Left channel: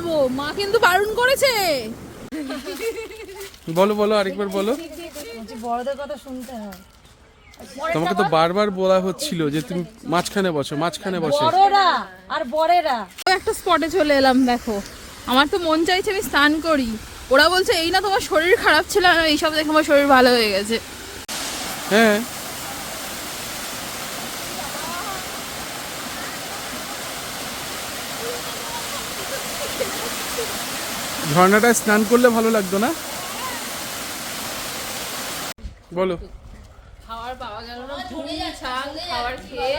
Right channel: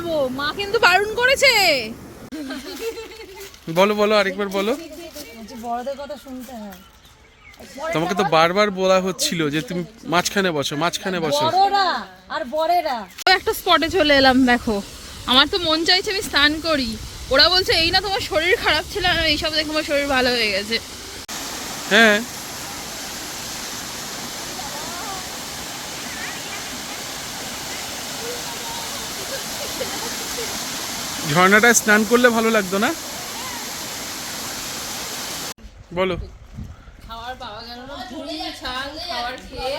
বলবো, মা কিন্তু বারণ করেছে। বলো বলো আরেকবার বলো। বড়দের কথা শুনতে হয়। তোমাকে তো বারবার বলা হচ্ছিল যে তুমি মাঝখানে বসো, মাঝখানে বসো। বড়রা আর বড়েরা একটা স্পটে চলে এলাম। দেখো, আমার তো মন চাইছে আমি স্নান করি। ওরা বলছে এই না তোমার শরীর খারাপ ছিল, আর এইসব দেখে আমার শরীর ভালো হয়ে গেছে। হ্যাঁ, ঝর্ণাটায় স্নান করলে ভালো লাগতো না? বলো। খাবার পাওয়া গেল না, ঘুম চাং খাবার খেয়ে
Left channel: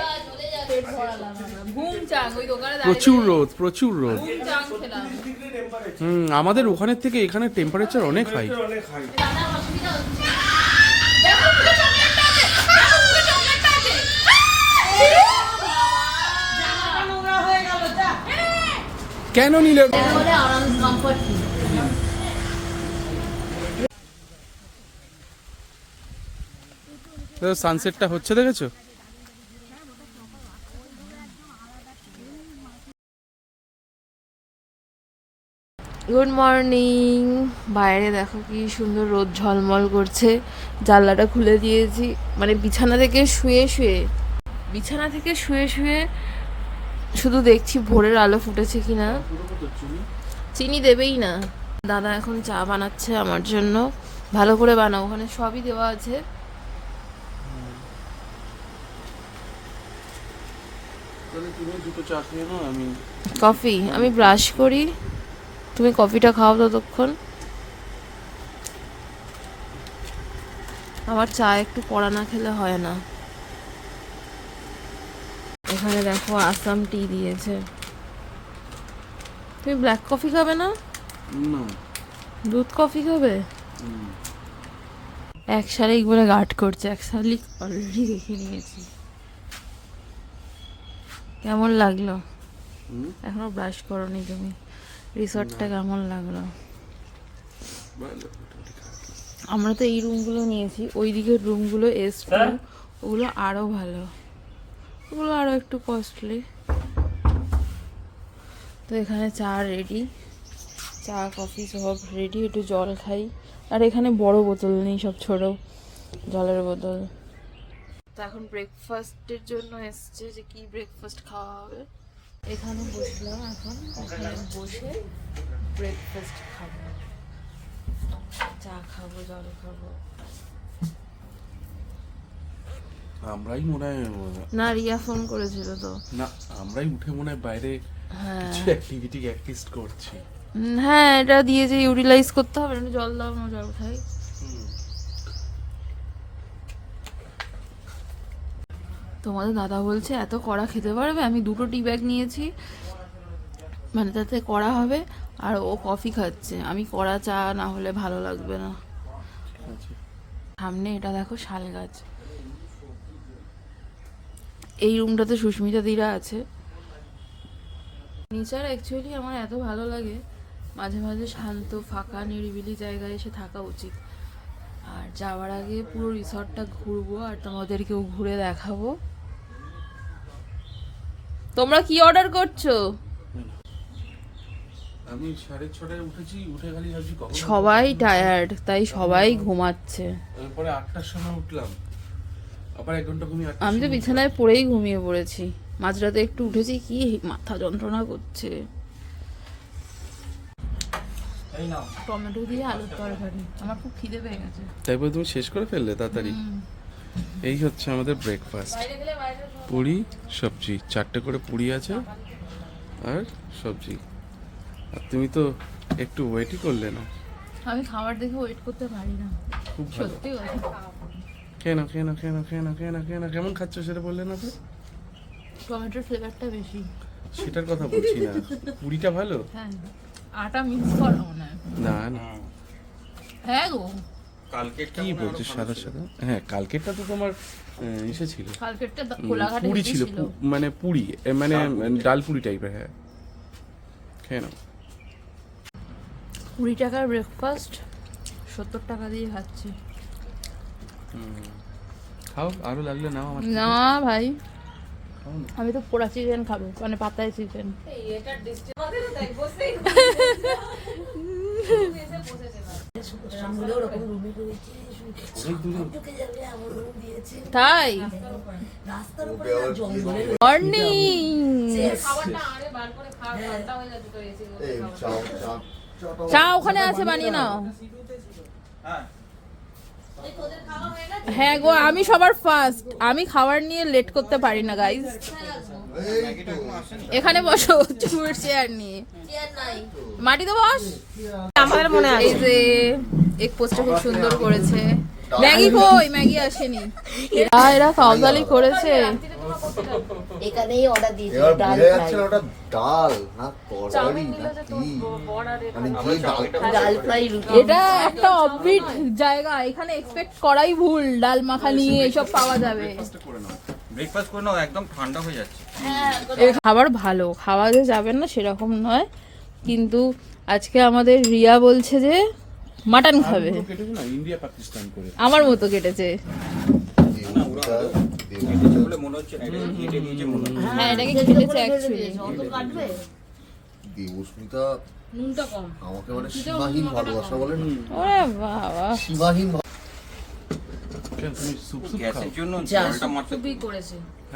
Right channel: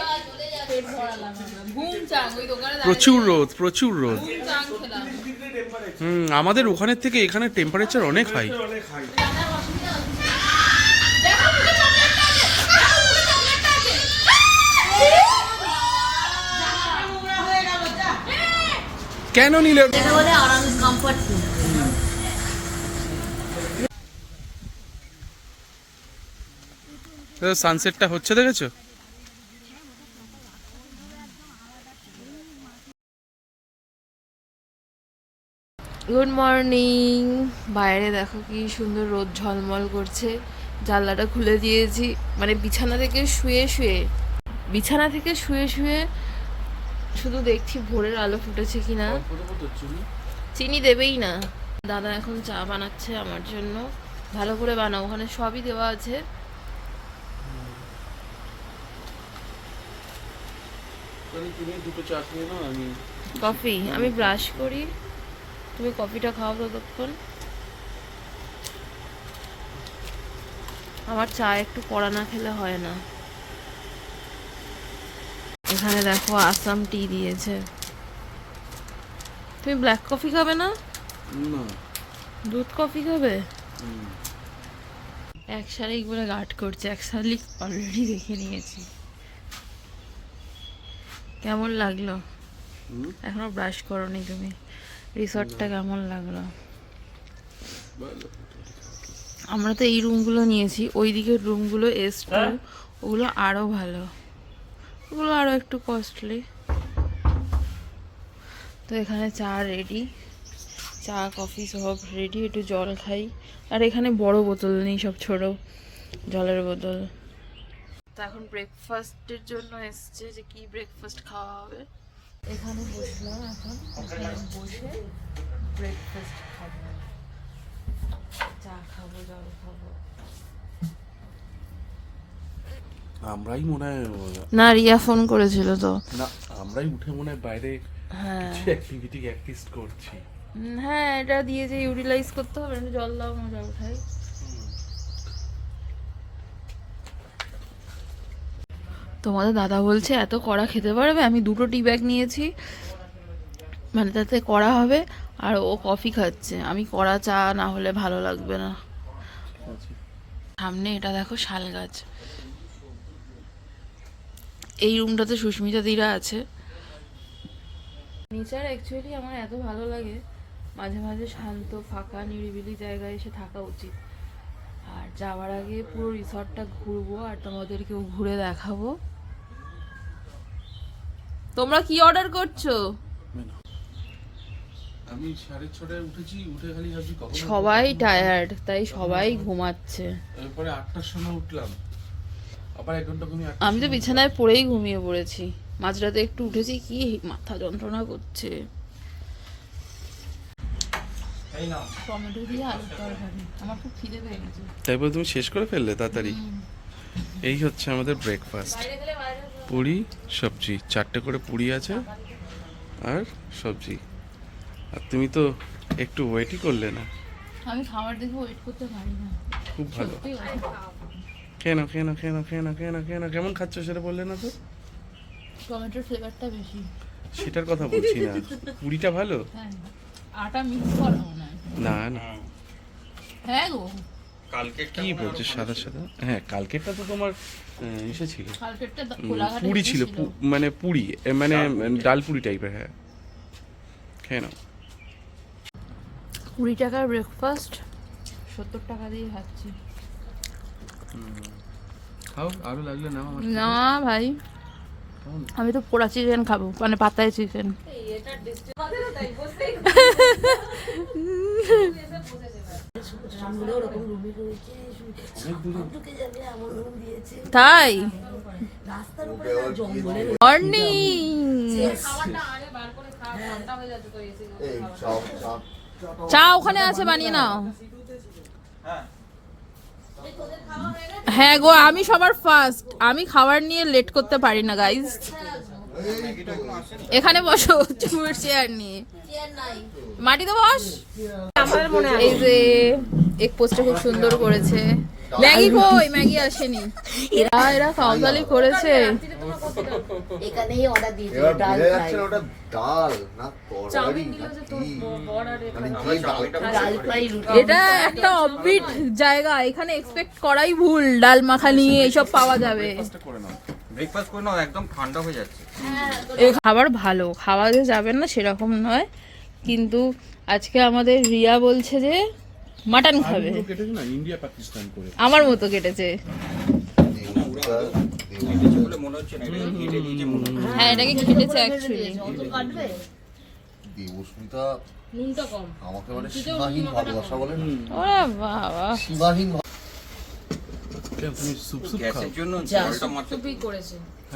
পেট ভরালাম আমরা। ঘুম চাং ওই দোকানে প্রচুর রোদ, প্রচুর রোদ। ঘুম চাং খেলাম। আমাদের ওখানের থেকে এখানে টেম্পারেচার অনেক হাই। কেন নিলে? সানসেটটা হচ্ছে দেখেছো? Good morning. বাইরে দেখো কি সুন্দর রোদ ঝলমল করছে। জানলাটা খুলে দিয়েছি, মানে বিছানা থেকে শুয়ে শুধু দেখছি ভোরের আলো ফুটেছে কিনা। চিনি দেবেই না। দাদা এখন চা বানাচ্ছে আমার জন্য। ভালো করে বানাও, ওখানে সবই দেওয়া আছে। কফি আমি ব্রাশ করি, তুমি কফিটা খাও ততক্ষণ। আমার চা একটু কড়া না খেলে হয় না। এখানে দেখো আসাম টি দিয়েছে। তুমি ব্ল্যাক কফি খাবে না? দুধ কফি খাবে? এক শালিক বলে গার্ড করছে, এক শালিক অলরেডি দেখে নিয়েছি। কেমন লাগলো? এখনো ব্রাশ করোনি তুমি। রিসর্টটা কেমন লাগলো? আমরা তো এই রুমগুলো নিয়েছি, ওই দিকের রুমগুলো S2 ওগুলো আরো ভালো, ওগুলো আরো একটু কস্টলি। তো এখানে চা রেডি, চা কফি সব রেডি। একটু জল খাই। আর এখানে বড় বোতল নেই, সব ছোট জলের বোতল। তো এখন ব্রেকফাস্টের জন্য এসছে, যে কি ব্রেকফাস্ট খাওয়া হবে। এখানে বসলাম, এখন এখানে বসে ব্রেকফাস্ট খাবো, চা খাবো, জল খাবো। আমরাই মনে হয় না, রিয়া ফোন করেছিল তো। না, আমরাই উঠে মনে হয় বাইরে কিছু অ্যাক্টিভিটি করছি। হ্যাঁ, এটা দিয়ে যে ইউটিলাইজ করতে হবে। আমি জল দাও না, জল খাই। তোমাদের দাদা বলছে এত কড়া খেতে পারবে? আমি 2টো টি ব্যাগ নিয়েছি, মানে তাতে কড়া হবে। আর ও কফি খাচ্ছে। আমি কড়া চা না হলে ভালো লাগবে না। সামনে এটা দেখো শাল গাছ। এই রুমটাতে সুস্মিতা দিরা আছে। নেচার অ্যাকচুয়ালি আমার এত ভালো লাগে, মাঝে মাঝে শান্ত ফাঁকা নিরিবিলি জায়গায় এসে থাকা উচিত। আর যাওয়ার আগে পুরো রিসর্টটা ঘুরবো আর তোমাদেরকেও ঘুরে দেখাবো। তোমরা কি অর্ডার করছো? আমি 6:30টায় উঠেছি, উঠে খালি ভাবছি কখন। সবাই টায়ার্ড, তাই সবাই ঘুমাচ্ছে। এরপরে 8টার সময় উঠলাম, আবার 1 ঘন্টা ঘুমিয়ে। আমি তো বিছানায় পড়েই ঘুমিয়ে পড়েছি। মাঝরাতে একটু উঠেছি, কি মাথা যন্ত্রণা করছে। টমেটো দিয়ে আলুর তরকারি, আমার খুব খিদে পেয়ে গেছে। তাই বলে তুমি শেষ করে ফেললে তাড়াতাড়ি? এই হচ্ছে আমাদের ব্রেকফাস্ট। পুরি সবজি, 4টে করে পুরি আছে আর সবজি। আর তুমি তো একটু ওয়েটই করলে না। আমি খাবার দেখে ওয়েট করতে পারি না। খুব ভালো। সত্যি কথা। কেন কেন কেন কেন কেন কেন কেমন খাচ্ছ সেটা বললে না তো? টমেটোর ফ্লেভারটা বেশি। সেটার কথা বলছি না, পুরিটা ভালো। হ্যাঁ, আটা মিক্স করা মনে হয়। না না, হ্যাঁ গো, কালকে কি বলছো সাদা সাদা? হ্যাঁ, কালকেরটা তো তোমার ইসে ছিল, কালকেরটা কোলাঘাটে পুরি ছিল, মানে পুরি, মানে ডাল পুরি টাইপের। হ্যাঁ, খেয়ে নাও। 20 টাকার ব্রেকফাস্ট 70 টাকা দিয়ে খাচ্ছি। খাও, আরো লাগলে নাও। না ভাই, আমি তো পোড়া চিকেন খাবো, মানে পাতায় চিকেন। তাই মর্নিং চা ওখানে আছে, বানিয়ে নাও। হ্যাঁ গো, আমি সবার ফার্স্ট, আমি খাবার নিয়ে লেট করতে পারি না গাইজ। এখানে বসো চুমুর চেয়ার নিয়ে, মাটিতে বস। এই যে এক পোস্টটা খুব সুন্দর করেছে। ম্যাগি কই? ম্যাগি আসেনি। এরা কাউদালি করেছে। এখানেই অর্ডার দিয়েছি ডাল ফ্রাই। ওটা ডাল না তরকারি না কি, মানে যে ডাল ফ্রাই রুটি। এটা একটা অফবিট জায়গা, এখানে এক্সপেক্ট করাই ভুল ডাল মাখানি এইসব পাওয়া যাবে। ব্রেকফাস্ট করে নাও, একদম ঠান্ডা হয়ে যাচ্ছে। খাবার ভালো, খাওয়া যে যাবেন না সেরকম নয়, কিন্তু আজকে আমাদের রিয়া বলছে যে মাটন খাবে। ইন্ডিয়া পাকিস্তান করে আমার মতো কেটেছে। বলে মনে হচ্ছে না, এটা কেটে দিয়েছে মনে হচ্ছে। হ্যাঁ এটাকে কেটেছে অ্যাকচুয়ালি। দেবস্মিতা নুনটা কম আমাকে মানে সীমাহীন ভালোবাসা বলেন। ওরে বাবা, সীমাহীন গ্যাসের জন্য জলটা মারতে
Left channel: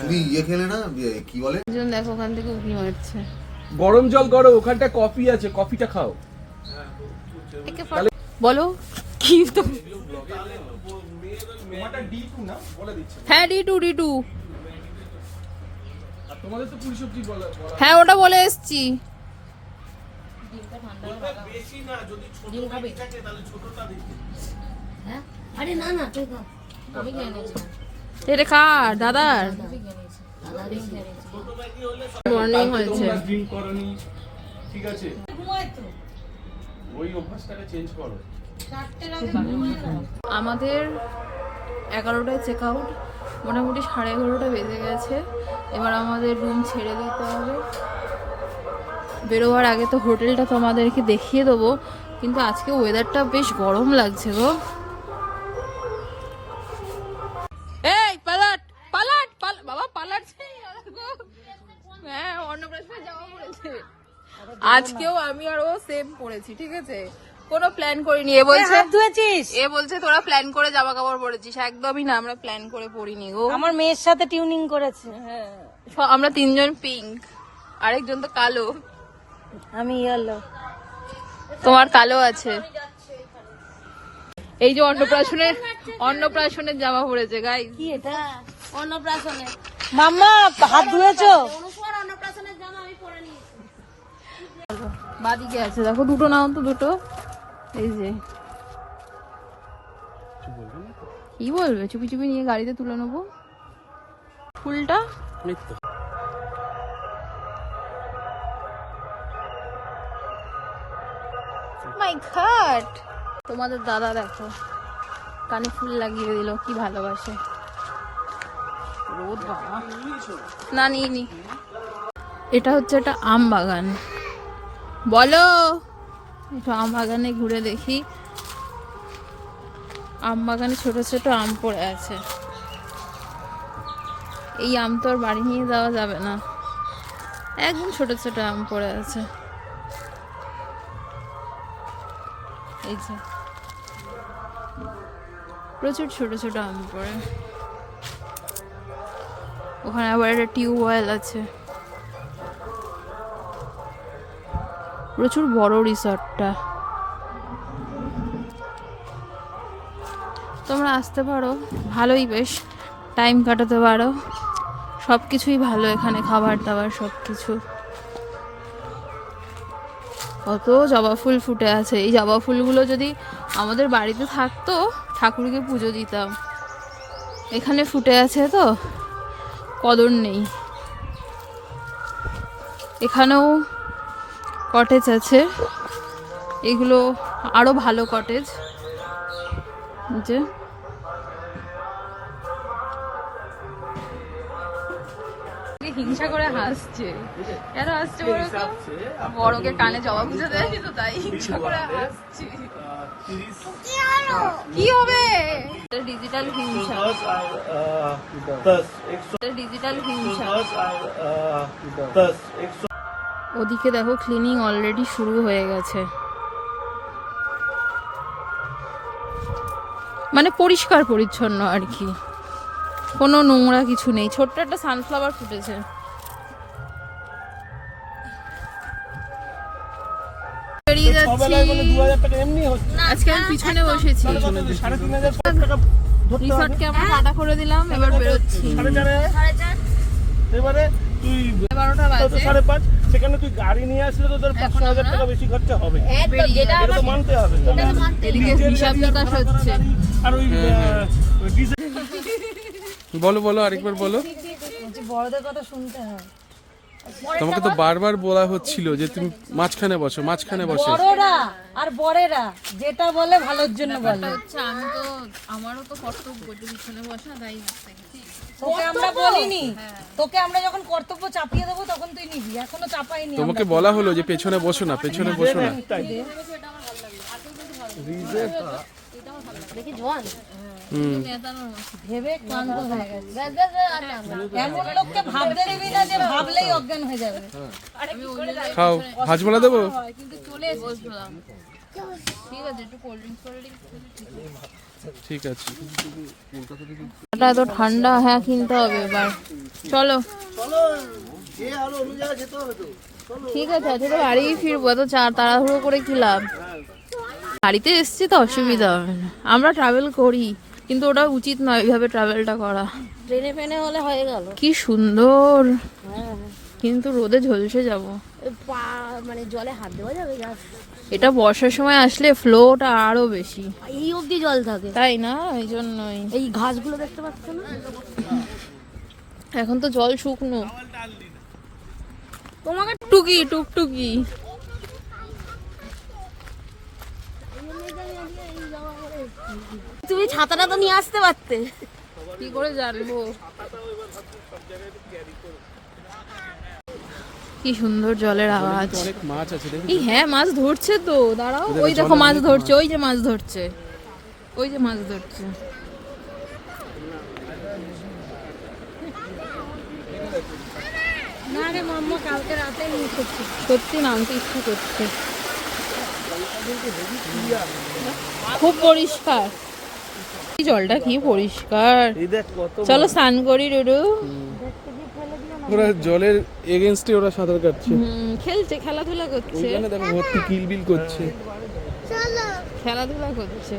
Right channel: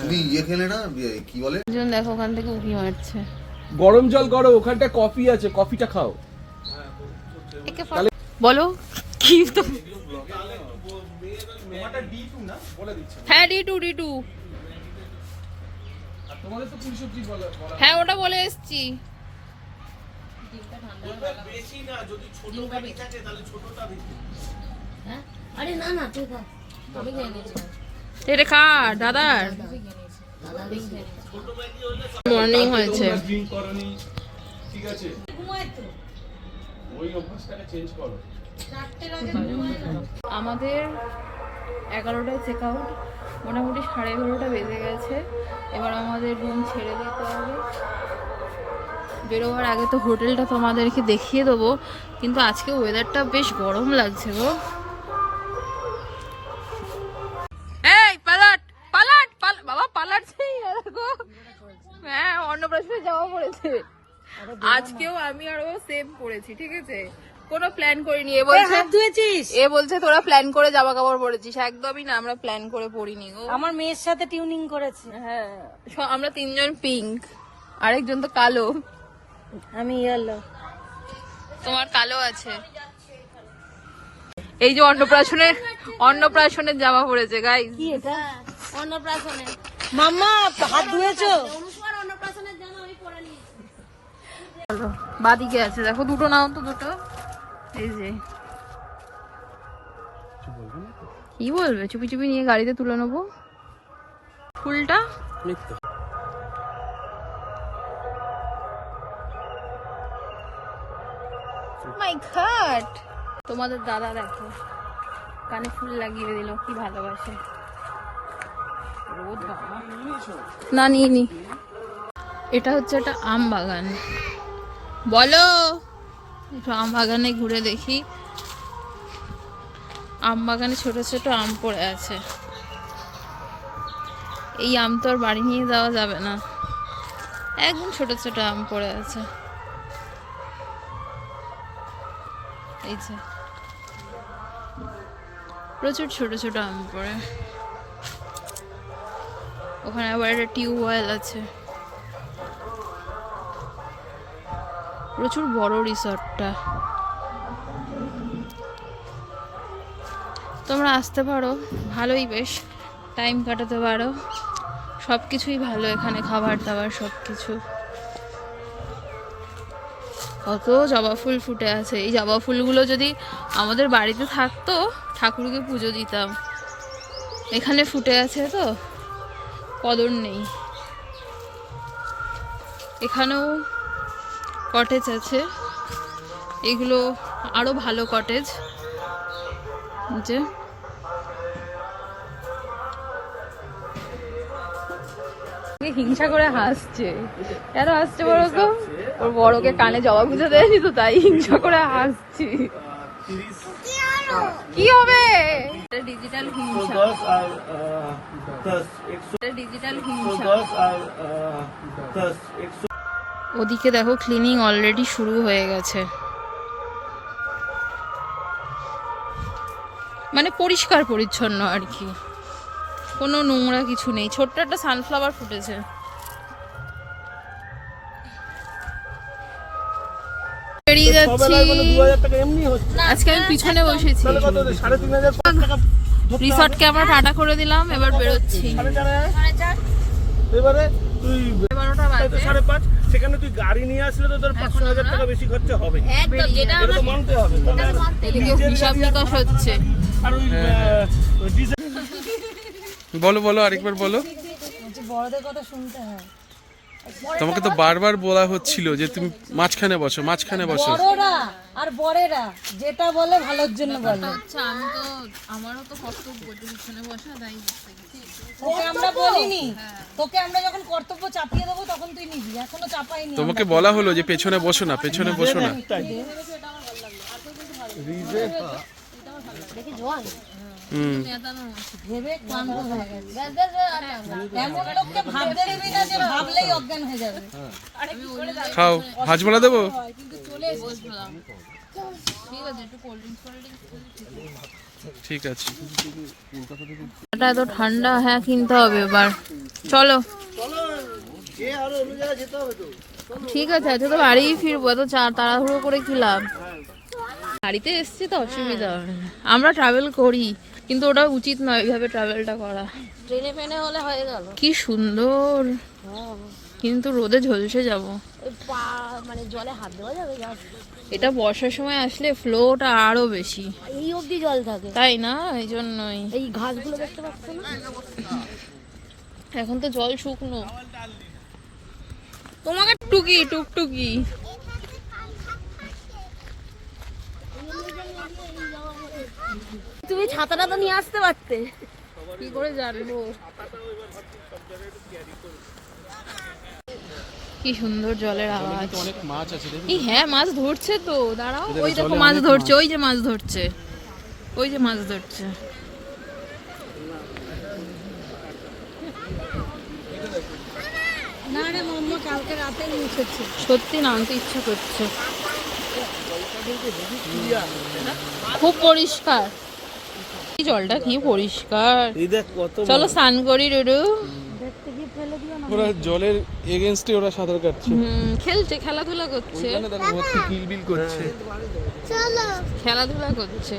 তুমি ইয়ে খেলে না কি বলে, দেখো ওখান থেকে উঠি মারছে। গরম জল করো, ওখানটা কফি আছে, কফিটা খাও। বলো কি তো? হ্যাঁ D2 তোমাদের তো পুরি সবজি বলা। হ্যাঁ ওটা বলে এসছি। আরে না না তুই খা, আমি খেয়ে নিয়েছি। এটা কার? দাদার মর্নিং হয়েছে। ঠিক আছে, ওই অভ্যাসটাকে চেঞ্জ করো। আমাদের 11টায় চেক আউট, মোটামুটি 11:30 বেজে গেছে। এবার আমাদের রুম ছেড়ে দিতে হবে। বেরোবার আগে তো হোটেলটা তোমাদেরকে দেখিয়ে দেবো, কিন্তু আজকে ওয়েদারটা বেশ গরম লাগছে গো। এই পালাট পালাট বাবা পালাটছে গো। হ্যাঁ অন্নপ্রাশনে যাওয়া পড়েছে আজকেও, আমি আর ও সেম পড়েছি, ঠিক আছে? কোনো প্ল্যান করিনি। এ বলছে তোরা প্ল্যান করে জামা কাপড় পরেছিস, একদমই না, আমরা প্ল্যান করে পরিনি গো। আমার মেয়ের সাথে টিউনিং করেছে। হ্যাঁ আমরা 3জন পিঙ্ক, আরেকজন তো কালো। আমি ইয়েলো। তোমার কালো আছে। এই যে অন্নপ্রাশনের জামা পড়েছে গাইস। কি এটা? অন্নপ্রাশনে মাম্মা হাত ধুয়েছো? অন্নপ্রাশনের জামা আমি পরে নিয়েছি। বাদিকে আছে দেখো, দুটো নাও তো, দুটো। এই যে কি বলবে, চুপি চুপি নিয়ে গাড়িতে তুলে নেবো ফুলটা। মাই গড, তোমাদের দাদা দেখো কানে ফুল লাগিয়ে দিল, কি ভালোবাসে। ও বাবা, না নিয়ে নি। এটা হচ্ছে একটা আম বাগান। বলো, একটু আম বাগানে ঘুরে দেখি। আম বাগানে ছোট ছোট আম পড়ে আছে। এই আম তো আর বাড়ি নিয়ে যাওয়া যাবে না, একদম ছোট ছোট আম পড়ে আছে। এই যে প্রচুর ছোট ছোট আম পড়ে। ওখানে আবার একটা টিউবওয়েল আছে। প্রচুর বড় রিসর্টটা। তোমরা আসতে পারো, ভালোই, বেশ টাইম কাটাতে পারো। সব কিছুই ভালো এখানে, খাবার দাবার সব কিছু। কত জবা ফুল ফুটে আছে। এই জবা ফুলগুলো যদি আমাদের বাড়িতে থাকতো, ঠাকুরকে পুজো দিতাম। এখানে ফুটে আছে তো কদর নেই। এখানেও কটেজ আছে, এগুলো আরো ভালো কটেজ। যে হিংসা করে হাসছে, কেন হাসছে বলো তো? ওর বড়কে কানে জবা পুজো দেয়নি তো, তাই হিংসা করে হাসছি। কি হবে? ডিজিটাল হিংসা, ডিজিটাল হিংসা। ওদিকে দেখো ক্লিনিং অলরেডি শুরু হয়ে গেছে। মানে পরিষ্কার পরিচ্ছন্ন আর কি, কোনো নোংরা কিছু নেই। ছোট্ট একটা সানফ্লাওয়ার ফুটেছে। বেরিয়ে যাচ্ছি। আজকে আমি পিছনে বসেছি। রিসর্টকে আমরা টাটা করে দিলাম, এবার বেরোচ্ছি। এবারে তুই 12টা বাজে। 5:30 সেখানে তুই গাড়ি নিয়ে আসলে তো তোর 500,000 টাকা বেশি খরচা হবে, এটা তো মানতে হবে। এদিকে হিসাব নিকাশ হচ্ছে। আর ওই ডিজেল বলো বলো আরেকবার বলো। বড়দের কথা শুনতে হয়। তোমাকে তো বারবার বলা হচ্ছিল যে তুমি মাঝখানে বসো, মাঝখানে বসো। বড়রা আর বড়েরা যেটা বলে ভালোর জন্য বলে। আচ্ছা, আমারও তো কর্তব্য যে পিছনে বসা, তাই তোকে আমরা বলিনি, তোকে আমরা যখন কর্তব্য চাপিয়ে দেবো তখন তুই নিবি, এখনো চাপাইনি। তোমাকে বলা হলো যে পেছনে বসো না, পেছনে বসো না। ভেবে ক্লান্ত হয়ে গেছে। এমন লোককে ভাবতে দিবি না যে ভাবলেই অজ্ঞান হয়ে যাবে। খাও, হাজমোলা দেবো? বসলাম। ঠিক আছে, একটু কোল্ড ড্রিঙ্কস ঠিক আছে। এটা এত ঠান্ডা, হ্যাঁ কিনতে হবে এবার। চলো ঠিক আছে, আজকে তো বাড়িই ফিরবো, এত তাড়াহুড়ো করে কি লাভ। গাড়িতে এসছি তো অসুবিধা হবে না। আমরা ট্রাভেল করি, কিন্তু ওটা উচিত নয় এইভাবে ট্রাভেলটা করা। ট্রেনে ফেনে হলে হয়ে গেল। কি সুন্দর, কিন্তু রোদে ঝলসে যাব। মানে জলে হাত দেওয়া যাবে? এটা বর্ষার সময় আসলে ফ্লোটা আরো বেশি, এই অবধি জল থাকে, তাই না? এই জন্যই। এই ঘাসগুলো দেখতে পাচ্ছ না? এখন তো জল শুকনো। তোমাকে টুকটুকি টুকটুকি তুমি ছাতাটা তো নিয়ে আসতে পারতে। কি করে জানবো? কি সুন্দর জলের আওয়াজ। অনেক মাছ আছে রে। এই হ্যাঁ, মাছ ধরছে তো, দাঁড়াও। ওই দেখো মাছ ধরছে, ওই যে মাছ ধরছে, ওই যে মাছ ধরছে। না রে মাম্মা, কালকে রাতে নিয়ে এসেছি। সত্যি নামতে ইচ্ছা করছে। খুব পরিষ্কার, জলটা কি পরিষ্কার। এই দেখ কত চলো স্নান করি ডুডু। ওরা জলের এগেইনস্টে ওরা সাঁতার কাটছে। খেলছে, খেলাধুলা করছে, ওখানে দেখো ভর্তি কিলবিল করছে। খেলাধুলা করছে।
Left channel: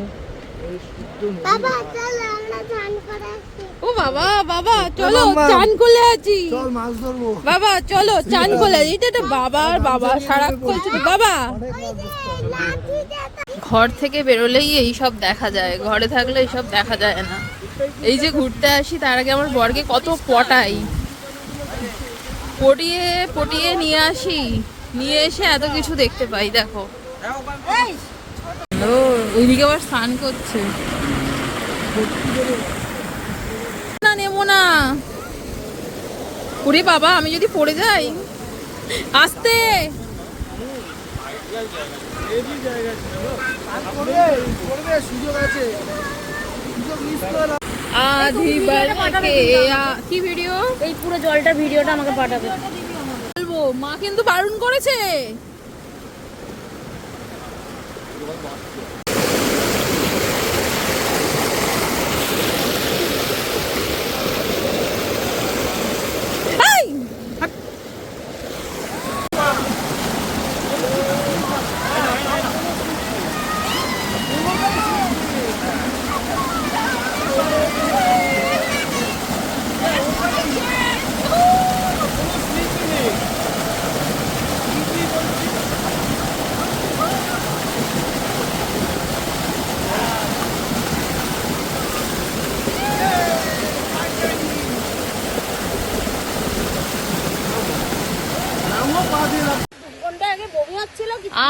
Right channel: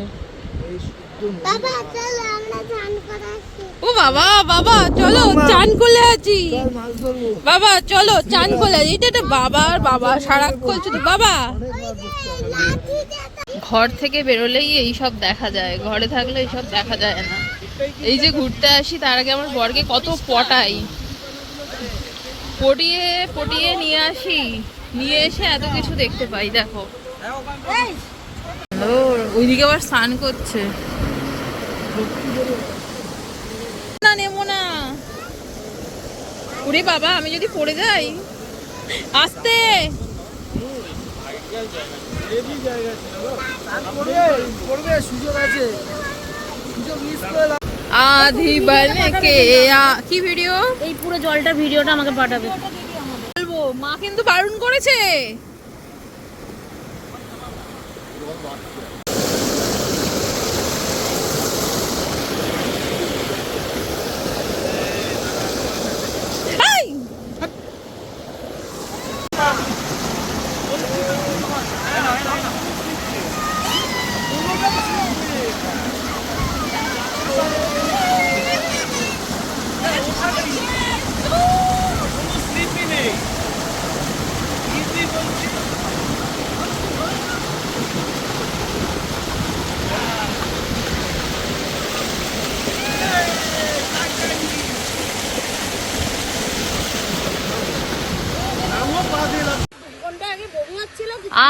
ও বাবা, বাবা চলো চান করে আছি। বাবা চলো চান করে আছি। এটা বাবা আর বাবা সারাক্ষণ শুধু বাবা। ঘর থেকে বেরোলেই এইসব দেখা যায়, ঘরে থাকলে এইসব দেখা যায় না। এই যে ঘুরতে আসি, তার আগে আমার বরকে কত পটাই, পটিয়ে পটিয়ে নিয়ে আসি, নিয়ে এসে এত কিছু দেখতে পাই। দেখো ওইদিকে আবার স্নান করছে। না নেবো না। ওরে বাবা, আমি যদি পড়ে যাই। আস্তে। আধি বলকে কি ভিডিও? এই পুরো জলটা ভিডিওটা আমাকে পাঠাবে। বলবো, মা কিন্তু বারণ করেছে।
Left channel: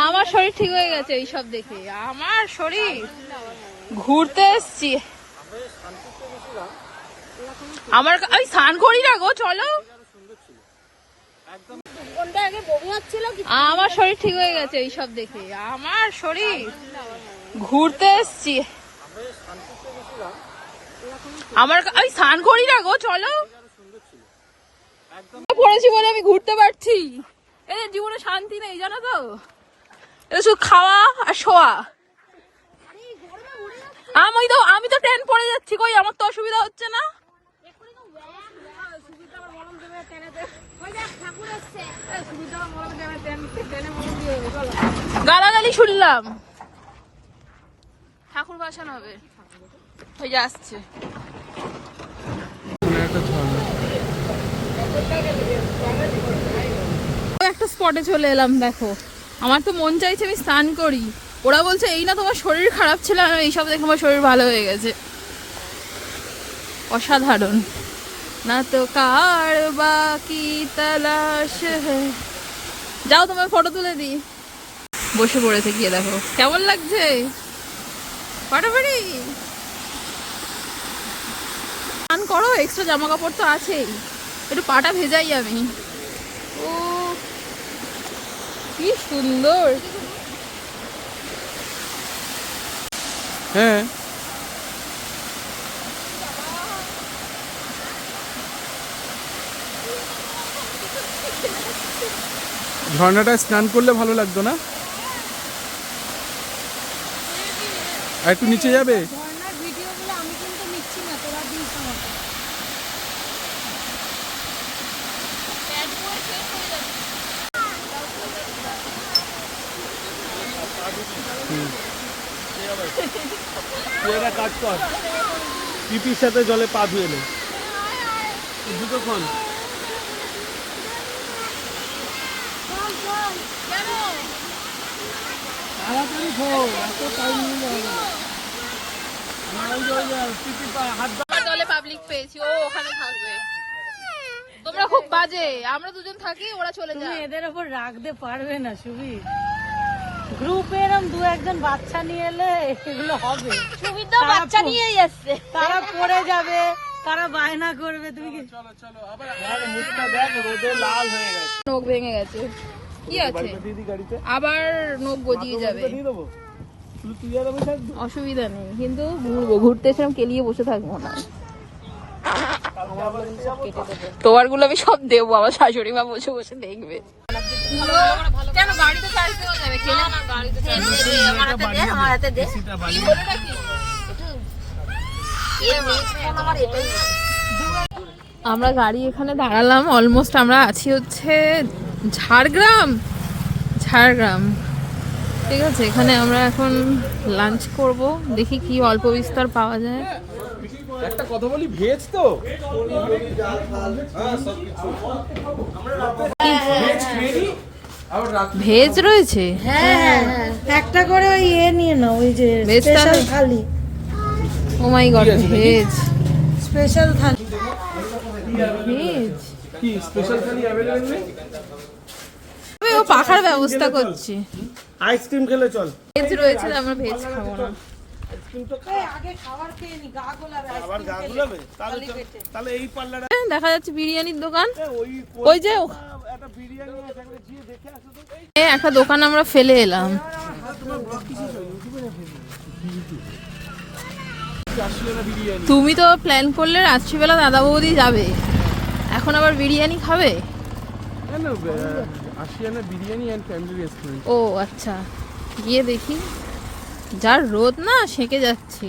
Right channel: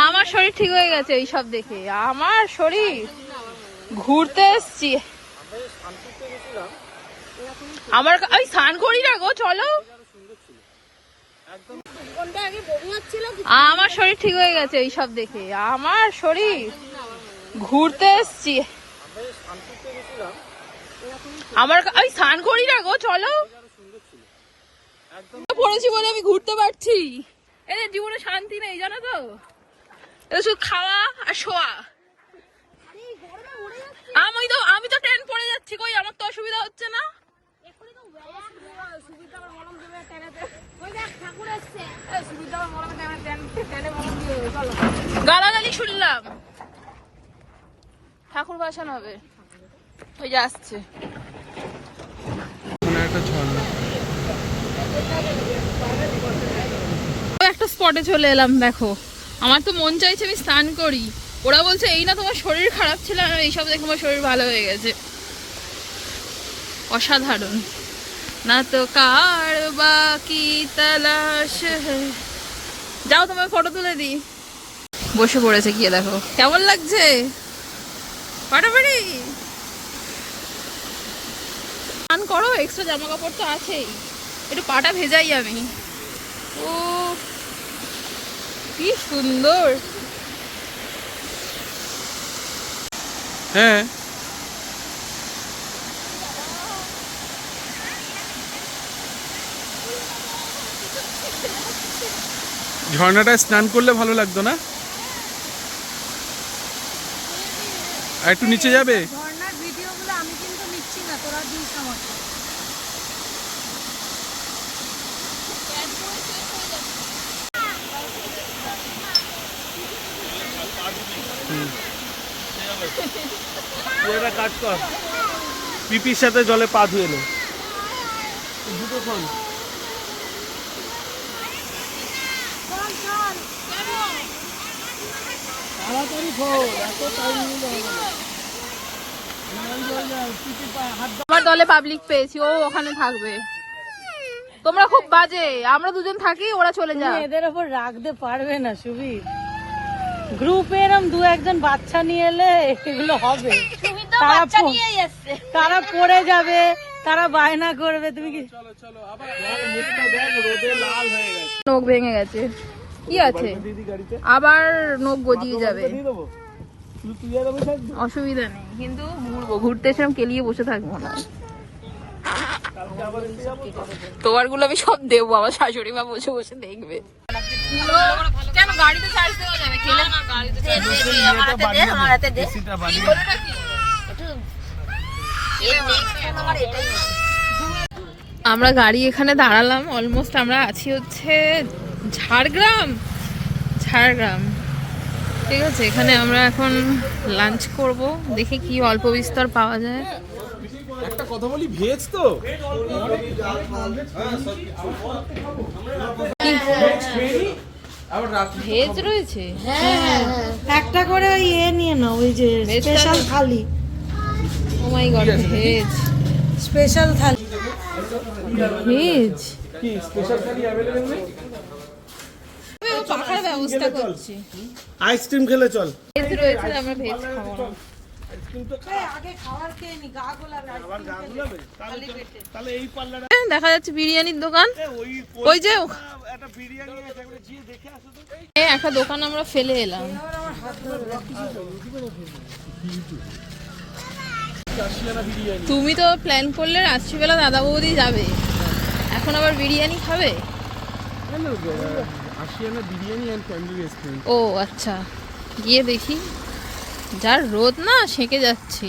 আমার শরীর ঠিক হয়ে গেছে এইসব দেখে। আমার শরীর ঘুরতে এসছি। আমার ওই স্নান করি না গো, চলো। আমার শরীর ঠিক হয়ে গেছে এইসব দেখে। আমার শরীর ঘুরতে এসছি। আমার ওই স্নান করি না গো, চলো। পড়েছি বলে আমি ঘুরতে পারছি। এই জীবনে শান্তি নেই, জানো তো। এটা শুধু খাওয়া আর শোয়া। আমি তো ট্রেন পড়ে যাচ্ছি, কই আমার তো অসুবিধা হচ্ছে না। গালাগালি শুনলাম, ঠাকুর ভাসান হবে, ওই যে আসছে। একটা ঝর্ণা। একটা স্পটে চলে এলাম, দেখো আমার তো মন চাইছে আমি স্নান করি, ওরা বলছে এই না তোমার শরীর খারাপ ছিল, আর এইসব দেখে আমার শরীর ভালো হয়ে গেছে। অসাধারণ। না তো কার বাকি তালাশ হ্যায়। যাও তোমার ফটো তুলে দিই। বসে পড়েছে, গিয়ে দেখো কেমন লাগছে, ফাটাফাটি স্নান করো, এক্সট্রা জামা কাপড় তো আছেই, একটু পাটা ভেজাই আমি। ও কি সুন্দর। হ্যাঁ ঝর্ণাটায় স্নান করলে ভালো লাগতো না? আর একটু নিচে যাবে? ঝর্ণার ভিডিওগুলো আমি কিন্তু নিচ্ছি না, তোরা দিস আমাকে। তুই একটা কাজ কর, পিপির সাথে জলে পা ধুয়ে নে, জুতো খোল। তাড়াতাড়ি খোল, এত টাইম নিলে হবে না। পিপি পা হাত আমার দলে পাবলিক পেয়েছি, ও ওখানে থাকবে। তোমরা খুব বাজে, আমরা দুজন থাকি, ওরা চলে তুমি যায়। এদের ওপর রাখতে পারবে না সুবি, গ্রুপে এরম দু একজন বাচ্চা নিয়ে এলে এগুলো হবে। তারা পড়ে যাবে, তারা বায়না করবে, তুমি কি মুখটা দেখ, রোদে লাল হয়ে গেছে। নখ ভেঙে গেছে, কি আছে, দিদি গাড়িতে আবার নখ গজিয়ে যাবে, দিয়ে দেবো, শুধু তুই আর আমি থাকবি। অসুবিধা নেই, কিন্তু ঘুরবো, ঘুরতে এসে কেলিয়ে বসে থাকবো না। তোমার গুলো আমি সব দেবো, আমার শাশুড়ি মা বসে বসে দেখবে। কেন গাড়িতে চার্জ দেওয়া যাবে? খেলে আমার হাতে দে, আমার হাতে দে। কি হলো নাকি? আমরা গাড়ি এখানে দাঁড়ালাম, অলমোস্ট আমরা আছি হচ্ছে ঝাড়গ্রাম। ঠিক আছে, এখানে আমরা এখন লাঞ্চ করব, দেখি কি অল্প বিস্তর পাওয়া যায়। একটা কথা বলি, ভেজ তো ভেজ রয়েছে, একটা করে ওই নিয়ে নাও, ওই যে স্পেশাল থালি, ও মাই গড, ভেজ স্পেশাল থালি। ভেজ কি স্পেশাল খালি অ্যাভেলেবল নেই? ও পাখার ব্যবস্থা করছি। আইসক্রিম খেলে চল। ভেজ রয়েছে, আমরা ভেজ খাবো না। আইসক্রিম তো আগে খাবার খেয়ে নি, গা গোলাবে। আবার গা গুলাবে, তাহলে এই পার্লারে দেখা যাচ্ছে বিরিয়ানির দোকান, ওই ওই যে একটা বিরিয়ানি আছে, গিয়ে দেখে আসো তো। একটা দোকান আমরা ফেলে এলাম। তুমি তো প্ল্যান করলে রাত্রিবেলা দাদা বৌদি যাবে, এখন আবার বিরিয়ানি খাবে? Ashiana biryani and family restaurant. ও আচ্ছা, গিয়ে দেখি। যার রোদ না, সেঁকে যাচ্ছি।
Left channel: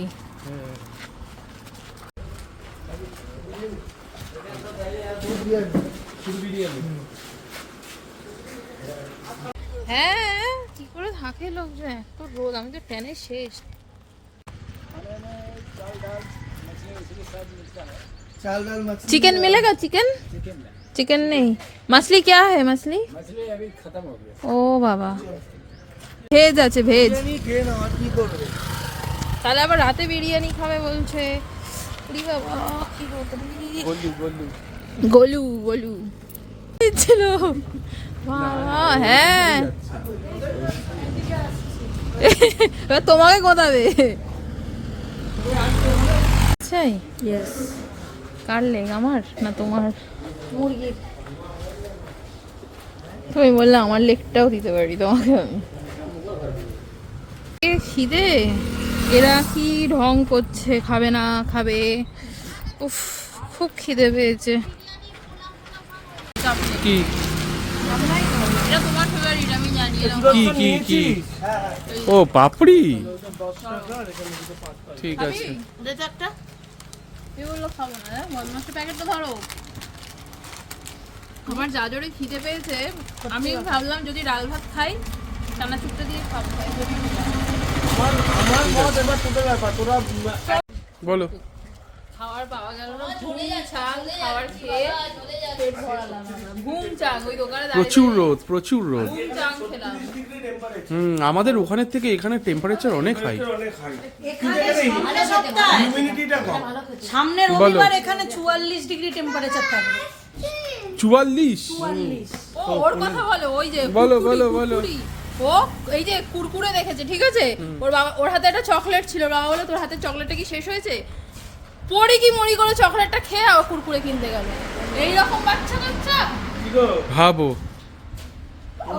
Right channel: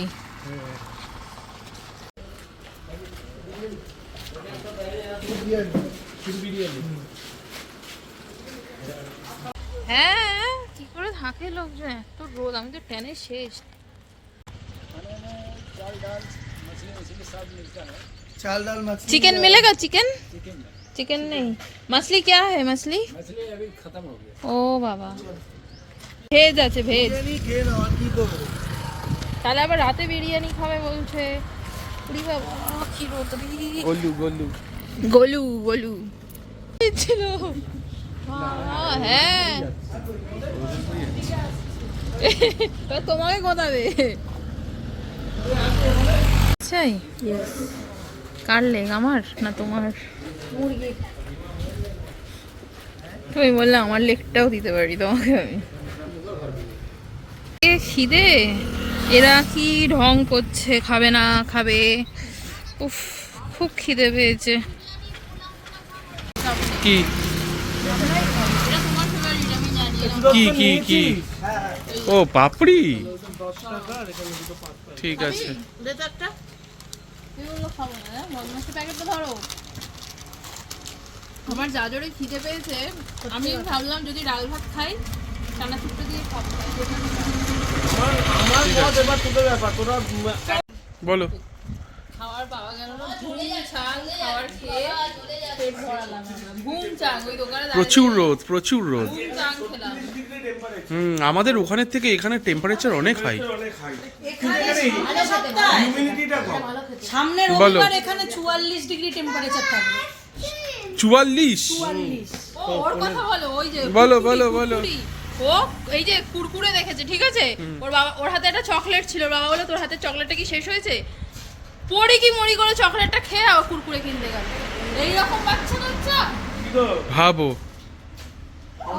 হ্যাঁ, কি করে থাকে লোকজন, এত রোদ, আমি তো ট্যানে শেষ। चिकन मिलेगा? चिकन नहीं, मछली क्या है? मछली अभी खत्म हो गया। ओ बाबा, ভেজ আছে, ভেজ। তাহলে আবার রাতে বিরিয়ানি খাবে বলছে। উড়ি বাবা, কি গোলু ছিল। হ্যাঁ, এবার তোমাকে কোথাবে চাই? কার লেগ, আমার না তোমার? তুমি বললে আমার লেগটাও দিতে পারি তোমাকে আমি। খিদে, এরা কি ঢং করছে, খাবে না খাবে। উফ, খুব খিদে পেয়েছে। কি এটা তোমার ফেভারিট আমি জানি। কি কি কি ও পাপড়ি ঠিক আছে আমার যা জোরে খিদে পেয়েছে আমি ভাবলাম যদি ডাল ভাত খাই চানাচুরটা দিয়ে খাবো। বলো খাওয়ার পাওয়া গেল না, ঘুম চাং খাওয়ার খেয়ে পেট ভরালাম আমরা। ঘুম চাং ওই দোকানে প্রচুর রোদ প্রচুর রোদ ঘুম চাং খেলাম। আমাদের ওখানের থেকে এখানে টেম্পারেচার অনেক হাই সামনে বলো। রবিবার এখানে 44 ডিগ্রি টেম্পারেচার থাকবে। 44 ও ওর কথা বলো, ওই যে বলো, কুরকুরি, বলো, বলো। কুরকুরি। ও এই যে কুরকুরে দেখেছে, ঠিক আছে, ওর বাবা ওর হাতে একটা চকলেট ছিল, ওর বাবা বলে তোর হাতে চকলেটটা কি শেষ হয়েছে, পড়ি কি মরি করে চকলেটটা খেয়ে ও কুরকুরে কিনতে গেল। এইরকম বাচ্চা কাচ্চা ভাবো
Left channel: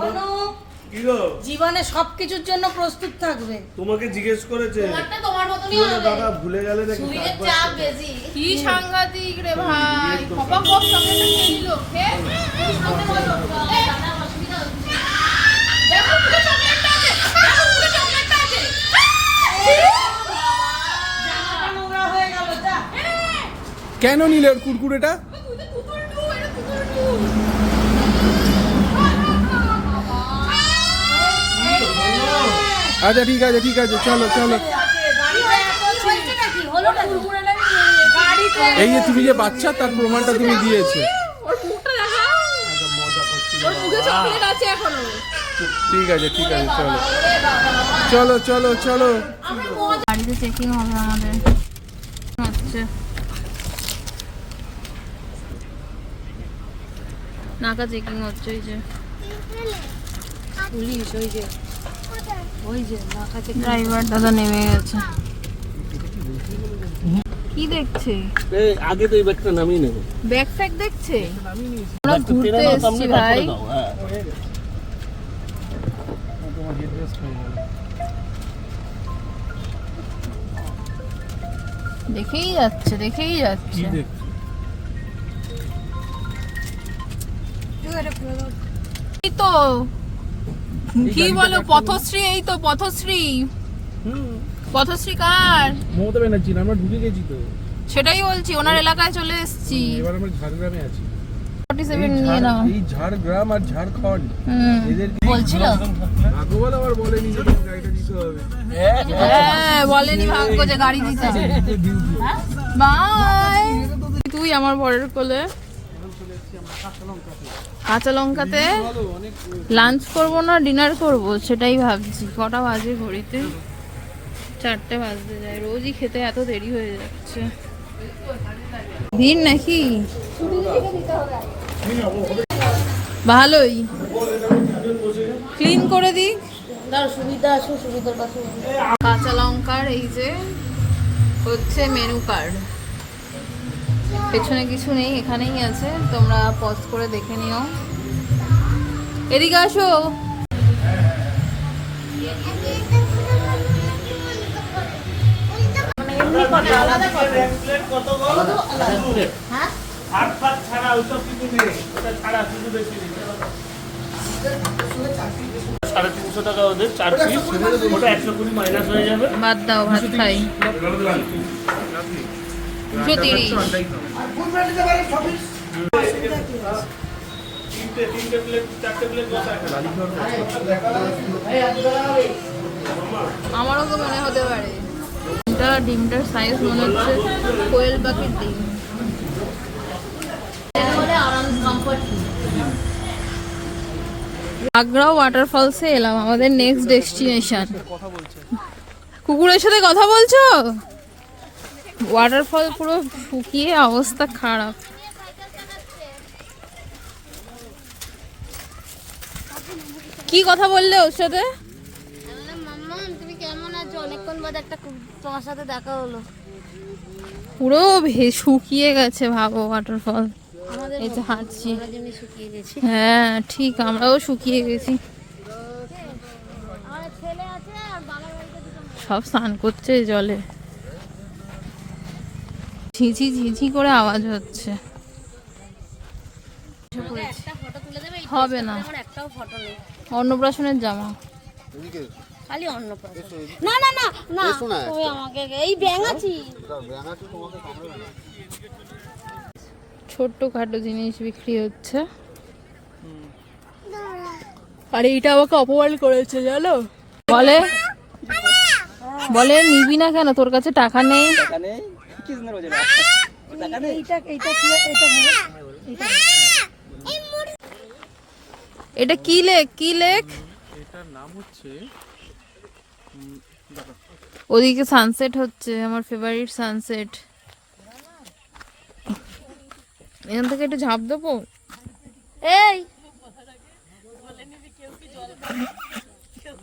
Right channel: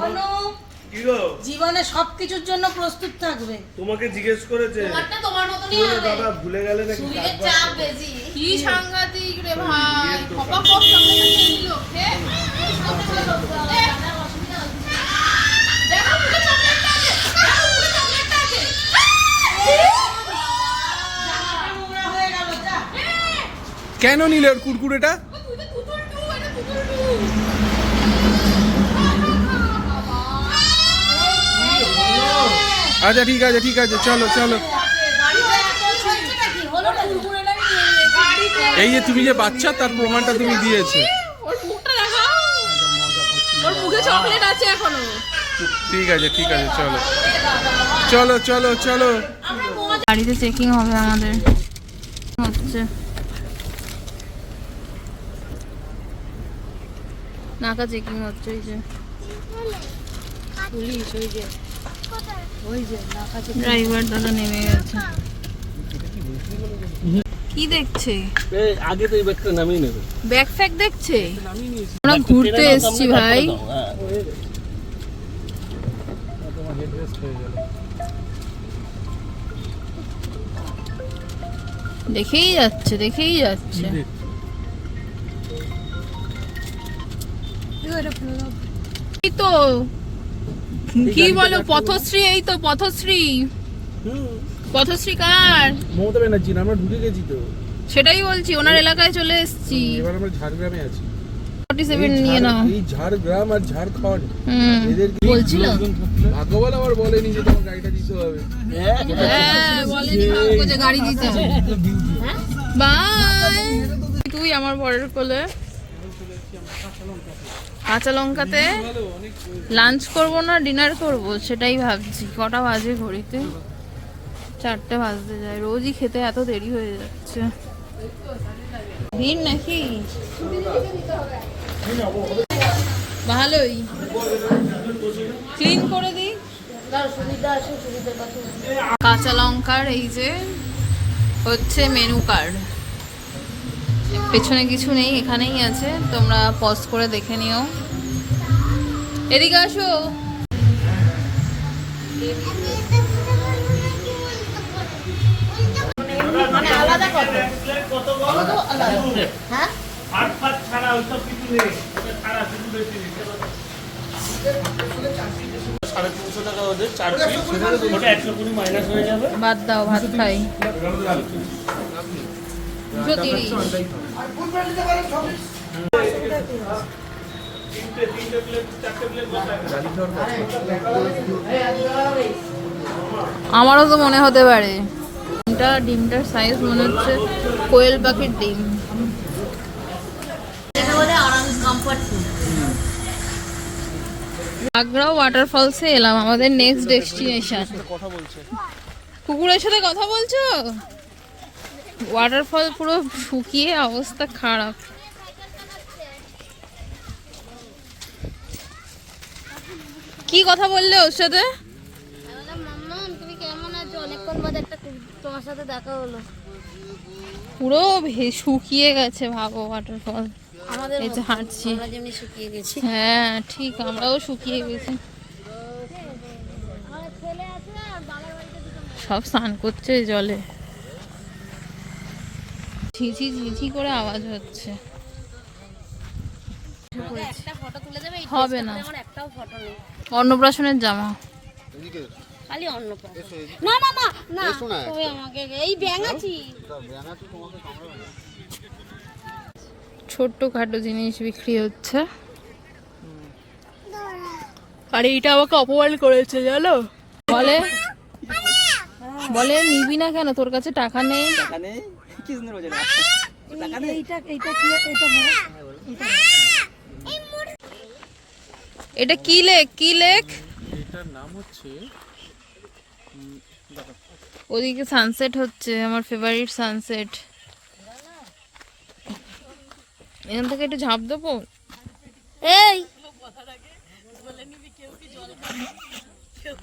অনু, জীবনে সবকিছুর জন্য প্রস্তুত থাকবে। তোমাকে জিজ্ঞেস করেছে তোমারটা তোমার মতনই হবে। দাদা ভুলে গেলে নাকি সুবিধের চাপ বেশি। কি সাংঘাতিক রে ভাই, খপা খপ চকলেটটা খেয়ে নিল, খেয়ে দেখো পুরো চকলেটটা আছে, দেখো পুরো চকলেটটা আছে। নোংরা হয়ে গেল, যা। কেন নিলে ওর কুরকুরেটা আচ্ছা ঠিক আছে ঠিক আছে চলো চলো এই যে তুমি যে বাচ্চা তার প্রমাণটা তুমি দিয়েছো ঠিক আছে চলো চলো চলো চলো গাড়িতে চেকিং হবে আমাদের হচ্ছে নাকা চেকিং হচ্ছে পুলিশ ওই যে নাকা চেকিং। ড্রাইভার দাদা নেমে গেছে। কি দেখছে? আগে তো এই ব্যাগটা নামিয়ে নেবে ব্যাগ ফ্যাগ দেখছে। আমরা ঘুরতে এসেছি ভাই। দেখেই যাচ্ছে এই তো কি বলো পথশ্রী, এই তো পথশ্রী কার মমতা ব্যানার্জি আমরা ঢুকে গেছি তো সেটাই বলছি, ওনার এলাকায় চলে এসেছি। এবার আমরা ঝাড়গ্রামে আছি 47 নিয়ে নাও। এই ঝাড়গ্রাম আর ঝাড়খণ্ড এদের বলছিল ভাগ্যবান আবার বলেনি যে তোমার গাড়িটা দিতে হবে হ্যাঁ বলেনি ভাগ্য যে গাড়ি দিতে হবে। বাই তুই আমার বরের কোলে কাঁচা লঙ্কাতে লাঞ্চ করব না ডিনার করব সেটাই ভাবছি। কটা বাজে ঘড়িতে? 4টে বাজতে যায়। রোজই খেতে এত দেরি হয়ে যাচ্ছে। ভিড় নাকি? ভালোই ক্লিন করে দিই। কাঁচা লঙ্কার এই যে হচ্ছে মেনু কার্ড, পেছনে কিছু নেই, এখানেই আছে, তোমরা পজ করে দেখে নিও। এদিকে আসো। বাদ দাও, ভাত খাই। 230 আমারও তো মনে হতে পারে। ডিমটার সাইজ মনে হচ্ছে কোয়েল পাখির ডিম। আগ্রা ওয়াটারফলসে এলাম, আমাদের নেক্সট ডেস্টিনেশন। কুকুরের সাথে কথা বলছো? ওয়াটারফল পুরো শুকিয়ে অবস্থা খারাপ। কি কথা বললে ওর সাথে? তুমি কেমন আছো? অনেকক্ষণ বাদে একটা তোমার সাথে দেখা হলো। পুরো শুকিয়ে গেছে ভাবো ওয়াটারফল। এই যে হাঁটছি, হ্যাঁ ঠিক আমরাও শুকিয়ে গেছি। সব স্নান করছে জলে, ঝিঝি ঝিঝি করে আওয়াজ হচ্ছে। একটা ফটো তুলে দেবে? হবে না, একটাও ফটো নেই। অন্নপ্রাশনের জামা। এদিকে খালি অন্য না না না না তুমি আমাকে এই ব্যাঙাচি ব্যাঙাচি তোমাকে কামড়াবে না। ছোট্ট খাটো জিনিস বিক্রি হচ্ছে। আর এইটা আমাকে অপমান করেছে জানো, বলে বলে নিবি না কেন, তোর কাছে টাকা নেই। এটা কি লেক, কি লেক? এটার নাম হচ্ছে ওদিকে সানসেট হচ্ছে, আমার ফেভারিট সানসেট। এখান থেকে একটু ঝাঁপ দেবো। এই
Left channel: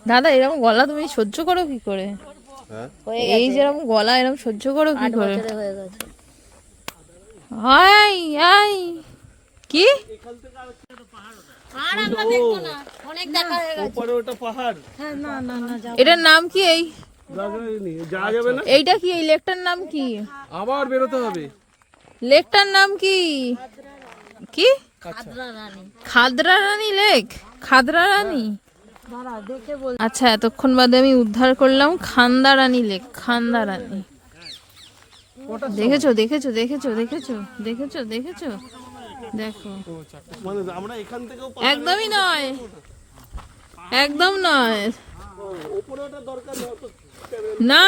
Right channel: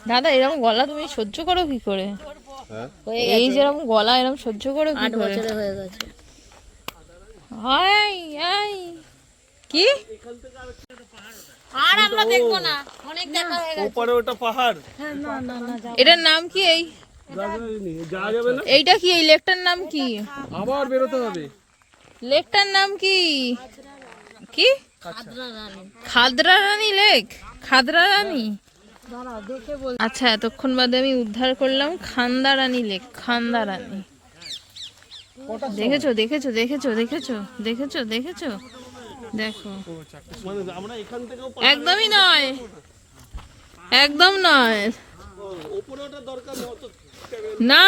দাদা এরকম গলা তুমি সহ্য করো কি করে? হ্যাঁ এই যেরকম গলা এরকম সহ্য করো কি 8 করে? বছরে হয়ে গেছে। হাই হাই কি আর আমরা দেখবো না, অনেক দেখা হয়ে গেছে। ওপরে ওটা পাহাড়, হ্যাঁ না না না যাও। এটার নাম কি? এই যাওয়া যাবে না, এইটা কি? এই লেকটার নাম কি? আবার বেরোতে হবে। লেকটার নাম কি? কি খাদরা রানী। খাদরা রানী লেক? খাদরা রানী? দাঁড়া দেখে বল। আচ্ছা এতক্ষণ বাদে আমি উদ্ধার করলাম খান্দা রানী লেক। খান্দা রানী দেখেছো দেখেছো দেখেছো দেখেছো দেখেছো দেখেছো দেখো। মানে আমরা এখান থেকেও একদমই নয়, একদম নয়। ওপরে ওটা দরকার নেই অত। না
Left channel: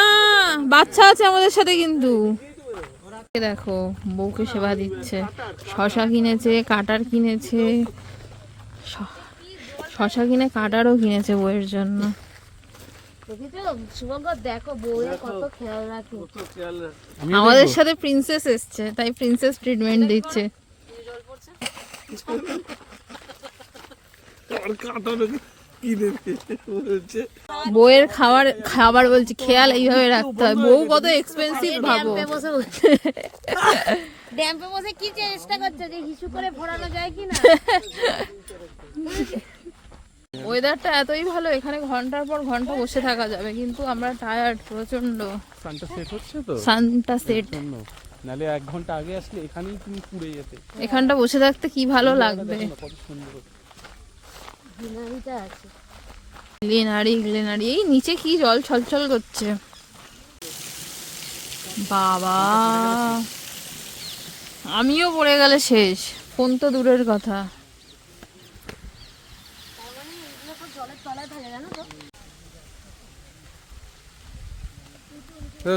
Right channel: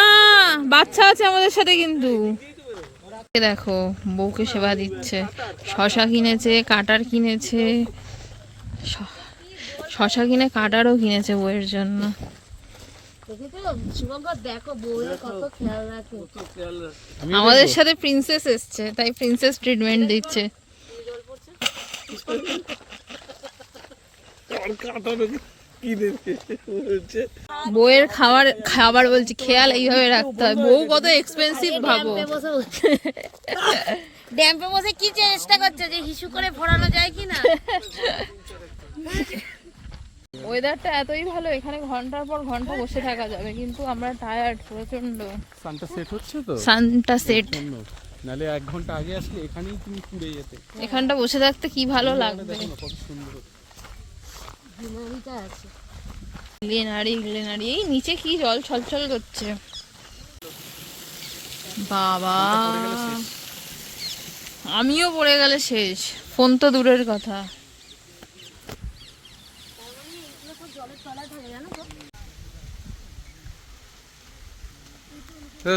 বাচ্চা আছে আমাদের সাথে কিন্তু। এ দেখো বউকে সেবা দিচ্ছে, শশা কিনেছে, কাটার কিনেছে, শশা কিনে কাটারও কিনেছে বউয়ের জন্য। দেখেছো শুভঙ্কর, দেখো বউয়ের কত খেয়াল রাখে। আমাদের সাথে প্রিন্সেস এসছে, তাই প্রিন্সেস ট্রিটমেন্ট দিচ্ছে। আর কাটানো কি দেবে হচ্ছে। বউয়ের খাবার খাবার বলছি খেয়াল এইভাবে রাখতে হয়। বউ কত এক্সপেন্সিভ ভাবো। ড্যাম্পে বসে কি চেষ্টা করছে যে হিসু করে ফোড়ানো যায় কিনা? ওয়েদারটা এতই ভালো, এখানে ঘন্টার পর ঘন্টা বসে থাকা যাবে, কিন্তু আমরা টায়ার্ড প্রচন্ড। সানটা সেট হচ্ছে তো, সানটা সেট, নালে 1 ঘন্টা আগে আসলে এখানেই তুমি পুড়ে যেতে। এখানটা বসে থাকতে কি ভালো লাগবে। কত সুন্দর। গ্রিনারিটা আছে। গ্লিনারি গ্লিনারি, এই নিচে কি জল ছলছল করছে বাবা। আমিও পড়ে গেলে শেষ, ফোন তো দূরের কথা।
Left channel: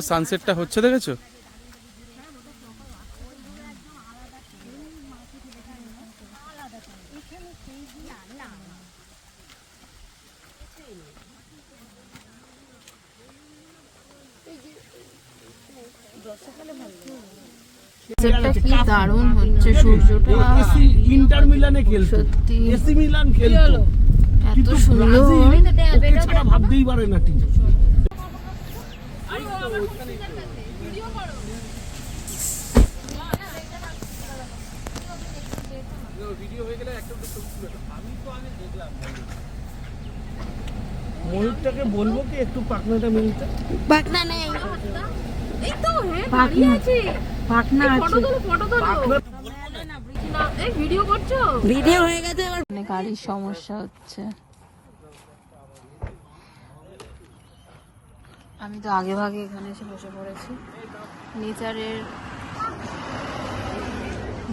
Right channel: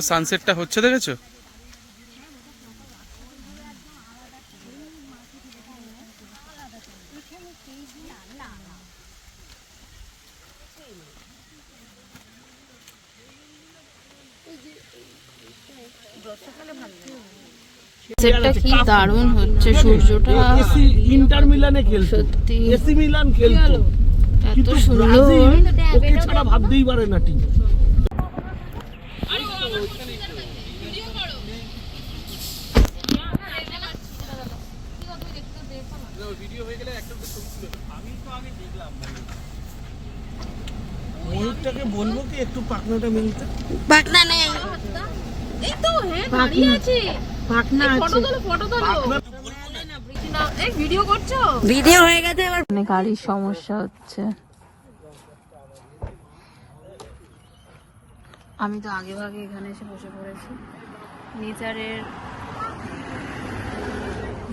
সানসেটটা হচ্ছে দেখেছো? সেটটা কি দারুণ হচ্ছে, সূর্যটা এসি ইন্টার মিলানে খেলতো, সত্যি এসি মিলান খেলতো, এত সুন্দর। ওকে ছাড়া ভাবতেই পারে না টিম। ময়ূরটাকে বলবো কি একটু পাখনাটা মিলতে। পাটনা নেই। এই তো হ্যাঁ দাঁড়িয়ে আছে, পাটনা ফটো তোলো ফটো তোলো। এই ভিডিও করছো? ভিডিও হয়ে গেছে এবার। মানে গাড়ির সমস্যা হচ্ছে। আমি তো আগে ভাগে এখানে এসে বসে পড়েছি,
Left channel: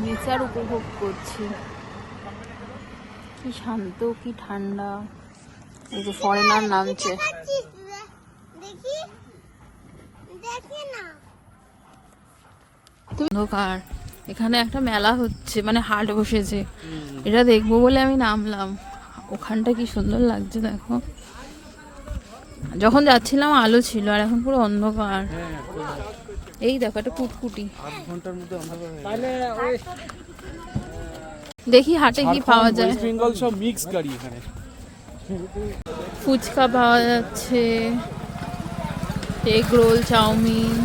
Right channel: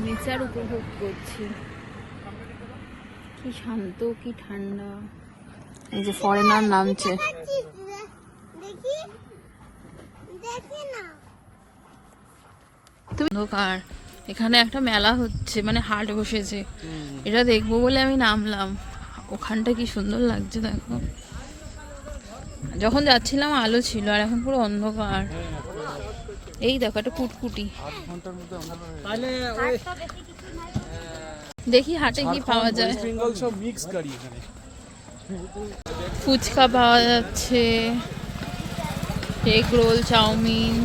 নেচার উপভোগ করছি। কি শান্ত, কি ঠান্ডা। অন্ধকার। এখানে একটা মেলা হচ্ছে, মানে হাট বসেছে, এটা দেখবো বলে আমি নামলাম। ওখানটা কি সুন্দর লাগছে দেখো। যখন যাচ্ছিলাম আলো ছিল, আর এখন পুরো অন্ধকার। এই দেখো একটা কুটকুটি। দেখি হাটে কি পাওয়া যায়। বেঙ্গল সব মিক্স গাড়ি এখানে। ফুচকা পাওয়া যাচ্ছে, এগ রোল, চাউমিন।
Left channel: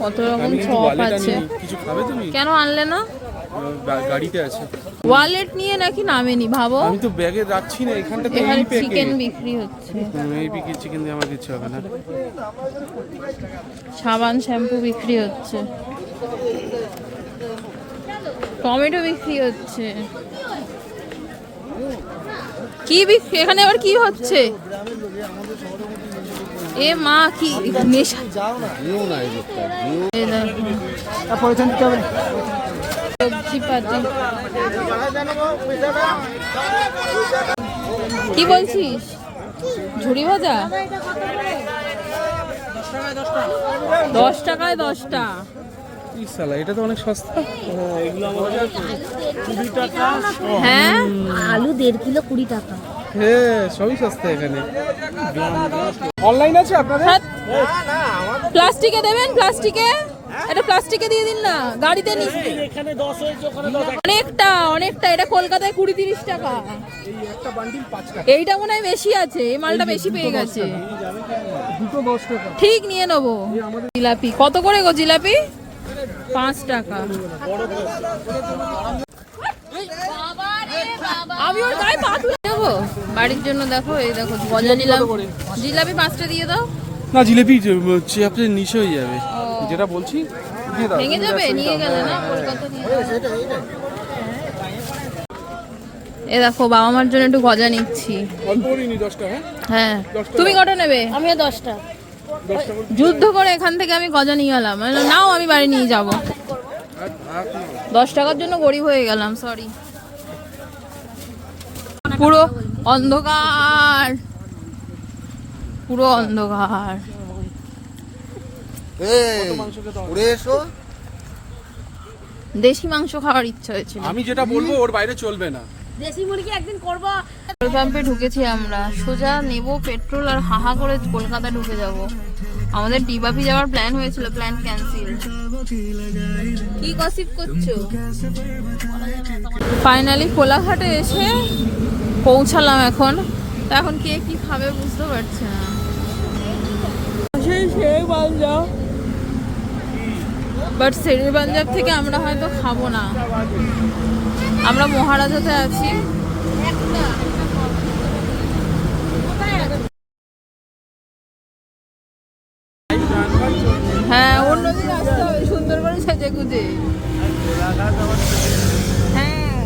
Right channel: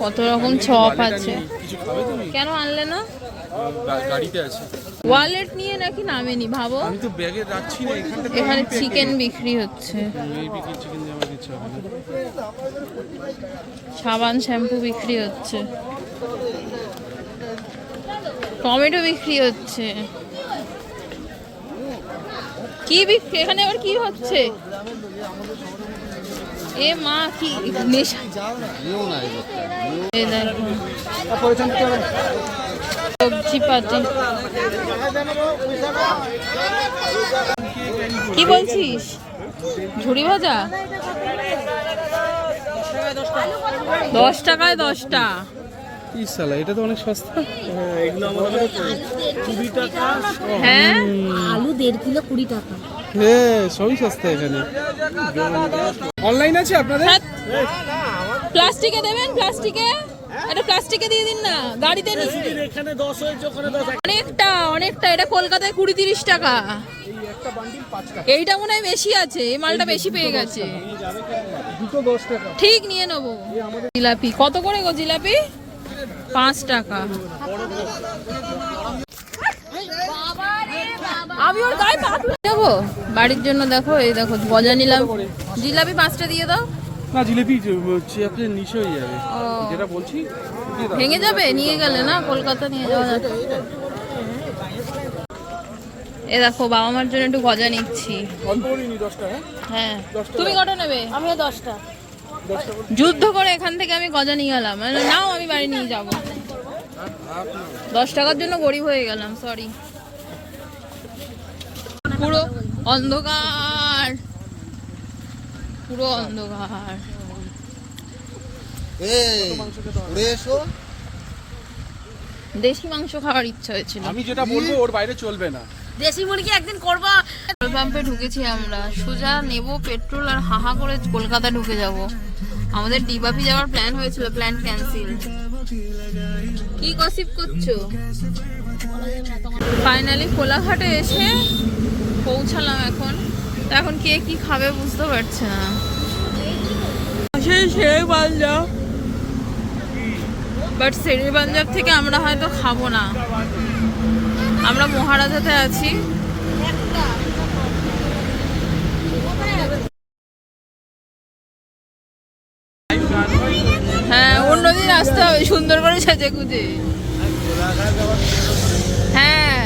কত রকম চপ আছে। কিছু খাবে তুমি? কেন আনলে না? গাড়িতে আছে। ওয়ালেট নিয়ে নাকি নামেনি ভাবো। আমি তো ব্যাগে রাখছি না, এখানটা এখানে চিকেন বিক্রি হচ্ছে, এই বিক্রি চিকেন দিয়ে আমার ইচ্ছা হবে না। সাবান শ্যাম্পু বিক্রি হচ্ছে, টমেটো বিক্রি হচ্ছে। কি বিক্রি এখানে আবার কি হচ্ছে? এ মা কি নেশা! এই দেখো সবজি পাতি। কি বলছিস? ঝুড়ি ভাজা 10 টাকায় 10টা। কি সালা, এটা তো অনেক সস্তা। এগুলো আমাদের 20 টাকা। হ্যাঁ আলু 1.5 কিলো 20 টাকা। হ্যাঁ সবই সস্তা এখানে। অনলাইন আছে আপনাদের? প্লাস্টিকে দেবেন, প্লাস্টিকে এটা প্লাস্টিকে দিয়ে দিন না, গাড়িতে নিয়ে। এখানে 10 হয়েছে, ওখানে 10। অনেকটা অনেকটা, এটা কলকাতায় 20-30 টাকা। একটা বান্ডিল 5 টাকা। এইটা মনে হয় বেশি আছে, এই মালটা বেশি পেয়ে গেছে। দুটো 10 টাকা। ঠিক নিয়ে নেবো। জিলাপি কত করে গো? জিলাপি 5 টাকা। আমি ওর গায়ে পা তুলে দেবো বাড়ির জন্য। দেখো এই দেখো গজা নিলাম, জিলাপি 5টা দিয়ে দাও। না জিলিপি আপনার নিচে হয়ে যাবে, ও, যেটা বলছি দিয়ে দাও। ভেঙে যাবে, নিয়ে গেলে না কলকাতা নিয়ে যাবে। এ দেখো বাবা মার জন্য একটু গজা নিচ্ছি। অল্প করে নি 10 টাকা। হ্যাঁ তুমি কটা নেবে? আমিও 10টা। যুদ্ধ করে এখান থেকে আমি গজা নিয়ে গেলাম, নাও আমি বাড়ি নিয়ে যাব। 10 টাকার জন্য গরিব হয়ে গেলাম, সরি। পুরো অন্ধকার, পুরো অন্ধকার। দেশি মাংস খাওয়ার ইচ্ছা হয়েছিল। আমি যেটা বলবো ওর বাইরে চলবে না। দেশি মুরগি একদিন করবো। পেট্রোল পাম্পে ঢুকেছি আমরা, সোজা নেব পেট্রোল আর হাহা করে কলকাতা ঢুকে যাব। আমাদের ডিবাপি যাওয়ার প্ল্যান হয়েছিল, প্ল্যান ক্যান্সেল। কি গসিপ করছো? ফাইনালি কোলাঘাটে এসে পৌঁছালাম। এখন কে কি খাবে বুঝতে পারছে না। সেই শের পাঞ্জাব, বাট শেরের পাঞ্জাব থেকে আমরা হয়তো খাবো না। আমরা মহারাজাতে আছি। হ্যাঁ অন্যদিন আসতে হবে সুন্দর করে সেজে গুজে। হ্যাঁ